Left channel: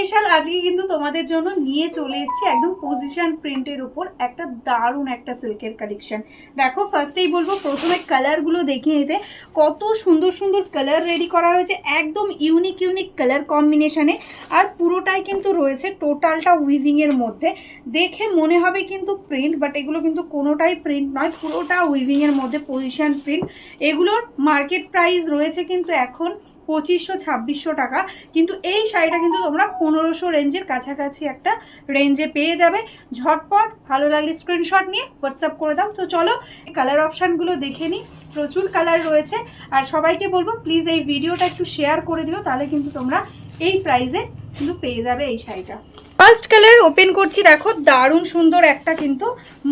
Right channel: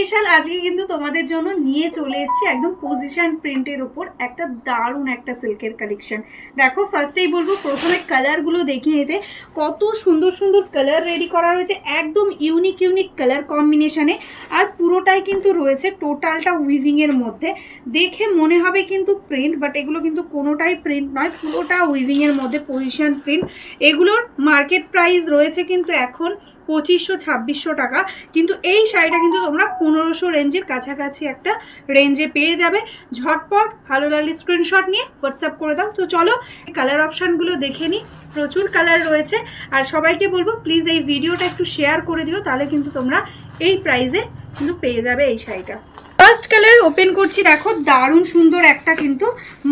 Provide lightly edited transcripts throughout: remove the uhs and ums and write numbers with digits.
Special আজকে কিন্তু তোমাদের জন্য নিয়ে চলে এসেছি একদম পজিশন প্রিন্টের উপর একটা দারুণ একটা সিল্কের কালেকশন। দেখো ফার্স্টেই বলবো প্রথমে কালারগুলো দেখিয়ে নিতে, কত সুন্দর সুন্দর কালার রেডি করা হয়েছে, একদম ইউনিক ইউনিক কালার কম্বিনেশনে। আর পুরোটাই কিন্তু রয়েছে টোটালটা উইভিংয়ের মধ্যে। দেখে মনে হবে কিন্তু প্রিন্ট, বাট এগুলো কিন্তু কোনোটাই প্রিন্ট নয়, পুরোটা উইভিংয়ের মধ্যে পজিশন প্রিন্ট। এগুলোর মার্কেট প্রাইস রয়েছে কিন্তু এখন 2500-2600 টাকা, কিন্তু এই শাড়িটা কিন্তু তোমরা 1500 রেঞ্জের কাছাকাছি একটা রেঞ্জে পেয়ে যাবে। ঝটপট ভালো লাগলে স্ক্রিনশট নিয়ে হোয়াটসঅ্যাপ করে দাও। তো চলো কালার অপশানগুলো দেখে নিই, প্রচুর কালার রয়েছে। আর সবাইকে বলবো প্লিজ এই ভিডিওটা একটু শেয়ার করে দিও, তাহলে কিন্তু তোমরা এই প্রাইসে কিন্তু পেয়ে যাবে এই শাড়িটা। ফার্স্ট কালার ওপেন করছি, দেখো দারুণ সুন্দর একটা কিন্তু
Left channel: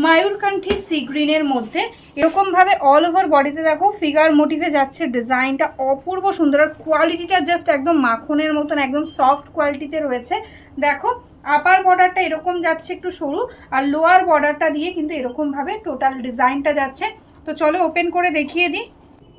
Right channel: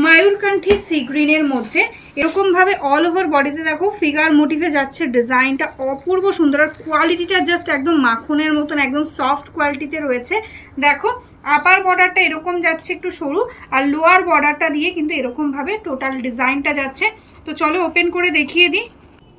ময়ূরকণ্ঠী সি গ্রিনের মধ্যে এরকমভাবে অল ওভার বডিতে দেখো ফিগার মোটিভে যাচ্ছে, ডিজাইনটা অপূর্ব সুন্দর। আর কোয়ালিটিটা জাস্ট একদম মাখনের মতন, একদম সফট কোয়ালিটিতে রয়েছে। দেখো আপার বর্ডারটা এরকম যাচ্ছে একটু সরু, আর লোয়ার বর্ডারটা দিয়ে কিন্তু এরকমভাবে টোটাল ডিজাইনটা যাচ্ছে। তো চলো ওপেন করে দেখিয়ে দিই।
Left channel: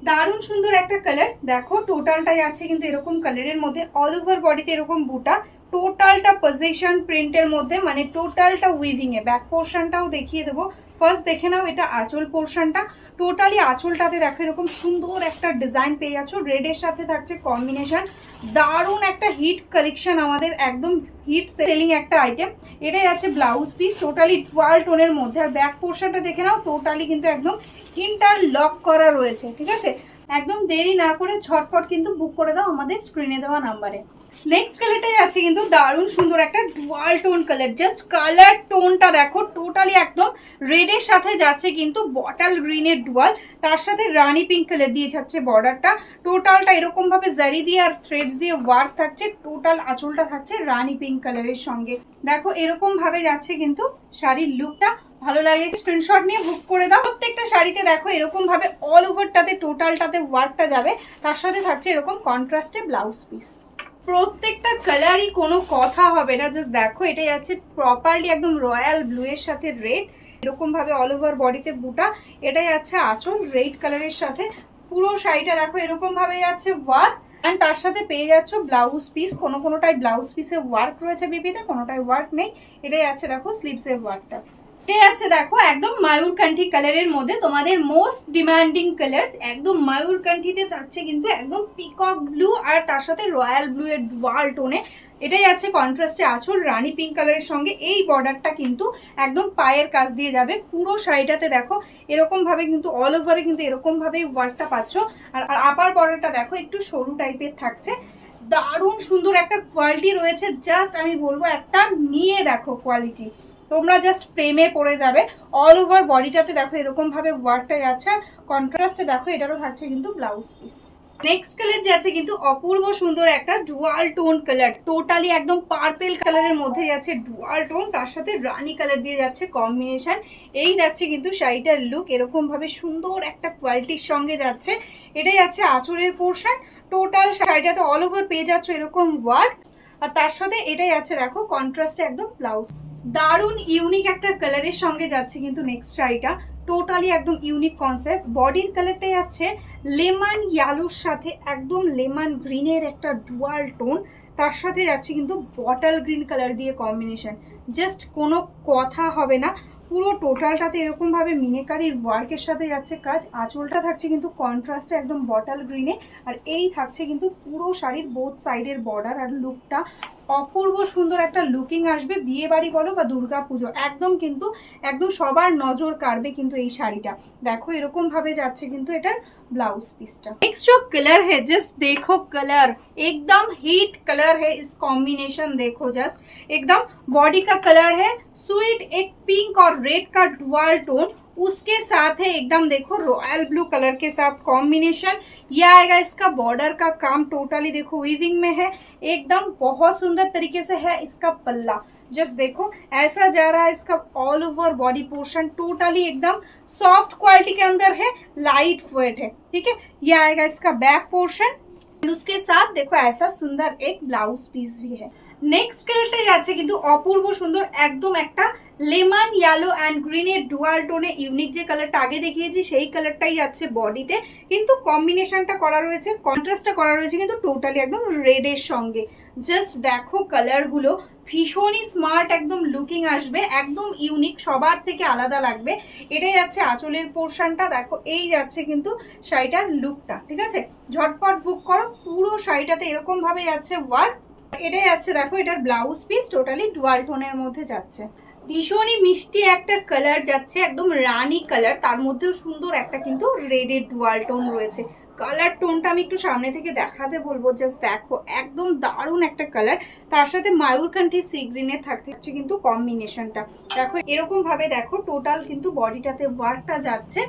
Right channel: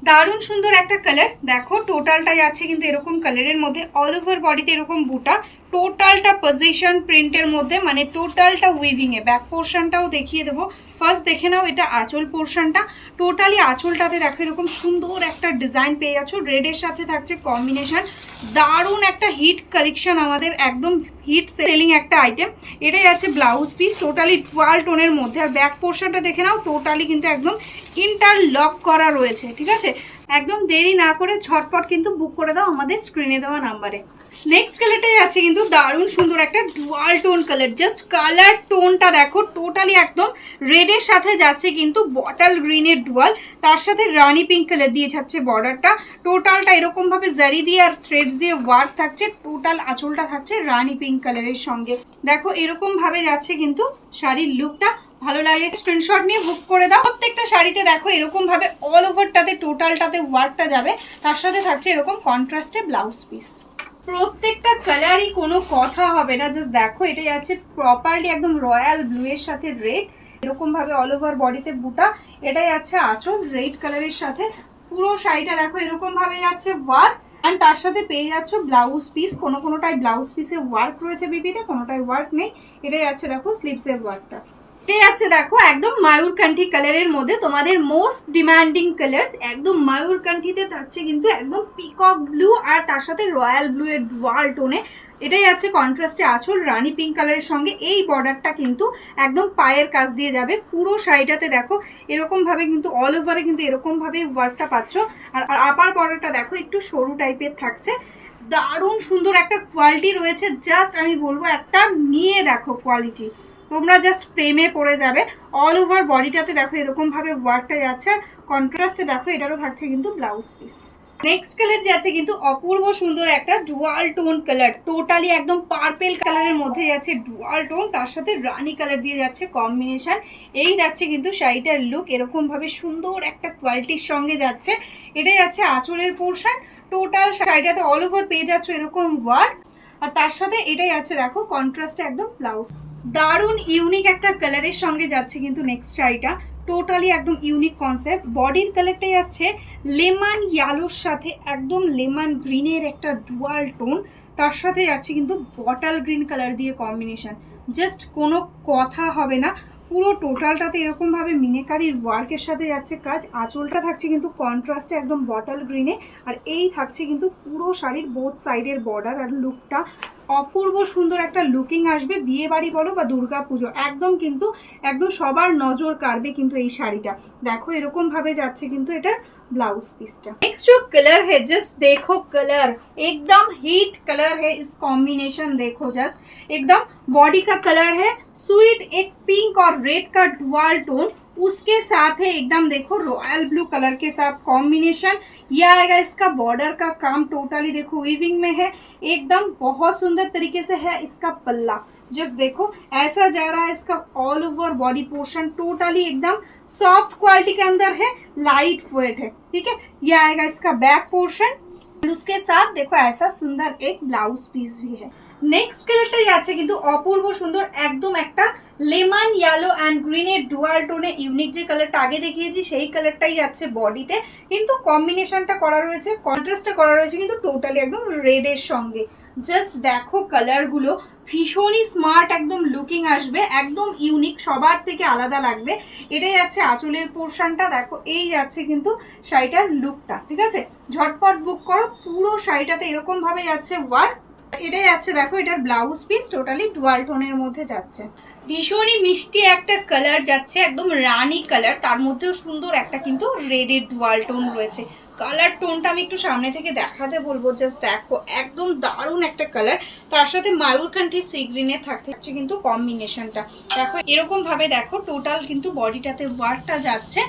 দারুণ সুন্দর একটা কালার, দেখো টোটালটাই আছে কিন্তু এরকম কালারের মধ্যে, অল ওভার বডিতে এরকম বুটা, টোটালটা পজিশন প্রিন্টের মধ্যে, মানে টোটালটা উইভিংয়ে। ব্যাক পোর্শনটাও দেখিয়ে দেবো। ফার্স্ট দেখে নাও এটা আঁচল পোর্শনটা, টোটালি আঁচলটাতে দেখো এরকম সুন্দর একটা ডিজাইন পেয়ে যাচ্ছ, রেডের সাথে থাকছে কম্বিনেশন। দারুণ একটা হিট কালেকশন, আমাদের একদম হিট সেলিং একটা আইটেম। এটাই আছে ব্লাউজ পিস, টোটালি 12 টোনের মধ্যে। আর ব্যাক পোর্শনটা দেখে নাও, টোটালি কিন্তু একদম ইন্টারলক করা রয়েছে, ঠিক আছে। একদম দেরি না করে ঝটপট কিন্তু বুক করে দাও আমাদের স্ক্রিনে দেওয়া নাম্বারে। নেক্সট কালারটাই আছে কিন্তু দারুণ সুন্দর একটা dual tone colour, just colour টোনটা দেখো টোটালি একদম রেডের সাথে যাচ্ছে কিন্তু বটল গ্রিনের ডুয়াল, তার সাথে রানি পিঙ্ক কালার দিয়ে যাচ্ছে বর্ডারটা। টোটালটা এরকমভাবে জারি দিয়ে আর থ্রেডস দিয়ে ওয়ার্ক থাকছে, টোটাল আঁচলটা থাকছে রানি পিঙ্ক কালারের সঙ্গে। দেখো এরকমভাবে যাচ্ছে কিন্তু শাড়ির লুকটা। ভালো লাগলে স্ক্রিনশট নিয়ে বুক করে দাও। প্রত্যেকটা শাড়িতে দেখো এরকম ভাবে অল ওভারটাতে টোটালটাতে ওয়ার্কটা যাবে, তার সাথে থাকছে এরকম কন্ট্রাস্টে ব্লাউজ পিস। প্রত্যেকটা কালারই কোনো কথা হবে না, জাস্ট দেখো এটা যাচ্ছে প্রপারলি একদম রয়্যাল ব্লু এর সাথে রেড, এরকম ভাবে অল ওভার বডিতে বুটা। এটাই আছে আঁচল রেড কালারের সাথে। পুরো শাড়িটা দেখো এরকম ভাবে যাচ্ছে ওয়ার্ক, আর তার সাথে পেয়ে যাচ্ছ ব্লাউজ পিস। কোনোটাই ব্লাউজ পিসে ওয়ার্ক রয়েছে বিপিতে, কোনোটাই ওয়ার্ক নেই। এটাই আছে দেখো স্লিভসের ওয়ার্কটা। এটাই আছে দেখো একদম ময়ূরকণ্ঠী কালারের মধ্যে, তোমাদের মোস্ট ডিমান্ডিং কালার। একদম ময়ূরকণ্ঠীতে থাকছে কিন্তু একদম পিকক ব্লু, আর তার সাথে রয়্যাল ব্লু এর ডুয়াল টোনে। এটাই আছে কন্ট্রাস্টে আঁচল রানি পিঙ্ক কালারের সঙ্গে। এই বর্ডারটা কিন্তু একদম পায়ের কাছ দিয়ে যাবে। পুরো শাড়িটাতে দেখো এরকম ভাবে কিন্তু অল ওভারে কিন্তু এরকম ভাবেই ওয়ার্কটা পাচ্ছ। আর আপার বর্ডারটা দেখো একটু সরু টাইপের থাকছে। দারুণ সুন্দর একটা কোয়ালিটি রয়েছে, জাস্ট আমি বলবো একটা নিয়ে দেখো কোয়ালিটি, তোমরা জাস্ট প্রেমে পড়ে যাবে। অল ওভার বডিটাতে দেখো এরকম ভাবে ওয়ার্কটা যাচ্ছে, আর কন্ট্রাস্টে দেখো এটারও থাকছে কিন্তু ব্লাউজ পিস। নেক্সট কালার যাচ্ছে কিন্তু অপূর্ব সুন্দর একটা ডুয়াল টোন কালার, টোটালি একদম পার্পেল কালারের মধ্যে যাচ্ছে ডুয়াল টোন, তার সাথে রানি কালার দিয়ে যাচ্ছে কম্বিনেশন। এই যাচ্ছে কিন্তু শাড়িটার লুক, এরকম ভাবে সুন্দর একটা কোয়ালিটির সঙ্গে যাচ্ছে। এটাই যাচ্ছে আঁচলের পোর্শন, টোটাল শাড়িটাতে অল ওভার পেয়ে যাচ্ছে এরকম ওয়ার্ক, আর তার সাথে এটাই আছে দেখো কন্ট্রাস্টে একদম ব্লাউজ। দারুণ ইউনিক একটা কালারের সঙ্গে যাচ্ছে কিন্তু নেক্সট শাড়িটা, টোটালি একদম ইউনিক কনসেপ্ট। বডির কালারটাই আছে লেমন ইয়েলোর সাথে একদম লেমন গ্রিনের একটা ডুয়াল টোন, তার সাথে যাচ্ছে কিন্তু বটল গ্রিন কালার দিয়ে কম্বিনেশন। জাস্ট কোনো কথা হবে না, পুরো টোটালটাতে এরকমভাবে মিনেকারির ওয়ার্কের সাথে যাচ্ছে কাজ। আঁচলটা থাকছে কিন্তু কন্ট্রাস্টে একদম বটল গ্রিনে, আর এই থাকছে কিন্তু পুরো শাড়ির বোথ সাইডের বর্ডার। আর লুকটা অপূর্ব সুন্দর একটা লুকিং আসবে, বিয়ে বাড়ি বলো বা দুর্গা পুজো, একদম কিন্তু একদম সবার নজর কাড়বে কিন্তু এই শাড়িটা। দেখো এরকম ভাবে যাচ্ছে কিন্তু এটার ब्लाउज पीसटा। नेक्स्ट जो कलर है जस्ट देखो, कलर एकदम हीट कलर है, इस कॉम्बिनेशन देखो जस्ट एकदम बॉडी का कलर है स्वीट, एक पिंक और रेड का डुअल टोन, उसके साथ है एकदम देखो रॉयल ब्लू कलर के साथ कॉम्बिनेशन। ये आएगा इसका बॉर्डर का काम, टोटली देखो वीविंग में है, एकदम बहुत सुंदर तरीके से है इसका पल्ला। जस्ट देखो ऐसा जा रहा है इसका all over body portion, totally एकदम सॉफ्ट क्वालिटी के अंदर है, लाइट वेट है, ठीक है। ये आएगा इसका बैक पोर्शन, उसके साथ देखो ऐसा सुंदर एक ब्लाउज पीस भी है। नेक्स्ट कलरটাই যাচ্ছে কিন্তু অপূর্ব সুন্দর, একদম একটা লেমন ইয়েলো অ্যান্ড গ্রিনের ডুয়াল টোনে ইউনিক যে কালারটা আগে দেখিয়েছি সেই কালারটাই যাচ্ছে বডিতে, কিন্তু কম্বিনেশনটা করা রয়েছে, কন্ট্রাস্টটা করা রয়েছে কিন্তু টোটালি একদম রেডের সঙ্গে। জাস্ট দেখো কালারগুলো, ভীষণই স্মার্ট একদম লুকিং আসবে, একদম ইউনিক, সবার থেকে আলাদা লাগবে। এটাই যাচ্ছে আঁচলের পোর্শনটা, দেখো এই যাচ্ছে কিন্তু শাড়িটার লুকটা, ঠিক আছে? ঝটপট বুক করো, পুরো শাড়িটাতে এরকম ভাবে যাচ্ছে ওয়ার্ক। এটাই যাচ্ছে দেখো এটার ব্লাউজ পিস, টোটালি ডুয়াল টোনের মধ্যে যাচ্ছে। ভীষণই মিষ্টি একটা কালার যাচ্ছে, একদম রানি কালার, তার মধ্যেও সুন্দর একটা কিন্তু রেডের ডুয়াল টোন রয়েছে। কালার টোনটা আমি একটু সামনে থেকে দেখাতে বলবো, জাস্ট দেখো একদম দারুণ একটা কালার। তার সাথে মায়ূরকান্ঠী সি গ্রিনের থাকছে কিন্তু কম্বিনেশনটা, দেখো এরকম ভাবে দেখো টোটাল কিন্তু বডিটাতে ওয়ার্কটা যাচ্ছে।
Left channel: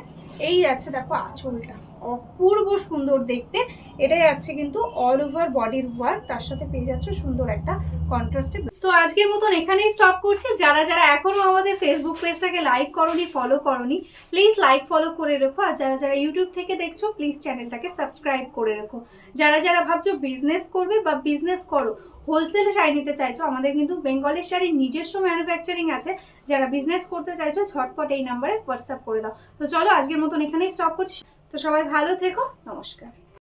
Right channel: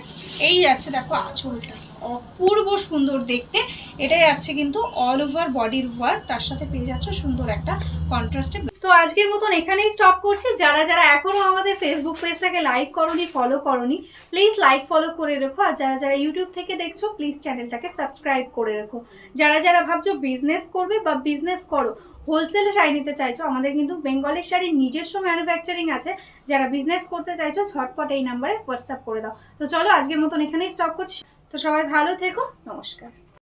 এই যাচ্ছে দেখো আঁচলটা, অপূর্ব সুন্দর দেখতে। এটাই যাচ্ছে কিন্তু অল ওভার বডির ওয়ার্ক, তার সাথে পেয়ে যাচ্ছে সুন্দর একটা কন্ট্রাস্টে। তো আজকের মতন এখানেই স্টপ করছি। যারা যারা এখনো আমাদের ফেসবুক পেজটাকে লাইক করোনি, ফলো করোনি, প্লিজ লাইক ফলো করে রেখো। আর যারা যারা ইউটিউব থেকে দেখছো প্লিজ চ্যানেলটাকে সাবস্ক্রাইব করে রেখো। যারা যারা ভাবছো বিজনেস করবে বা বিজনেস করো, হোলসেলে শাড়ি নিতে চাইছো, আমাদের কিন্তু বেঙ্গলের শাড়ির নিজস্ব ম্যানুফ্যাকচারিং আছে। যারা বিজনেস করতে চাইছো ঝটপট এই নাম্বারে হোয়াটসঅ্যাপ করে দাও। তো চলো আজকের মতন এখানেই স্টপ করছি। তো সবাই ভালো থেকো, নমস্কার।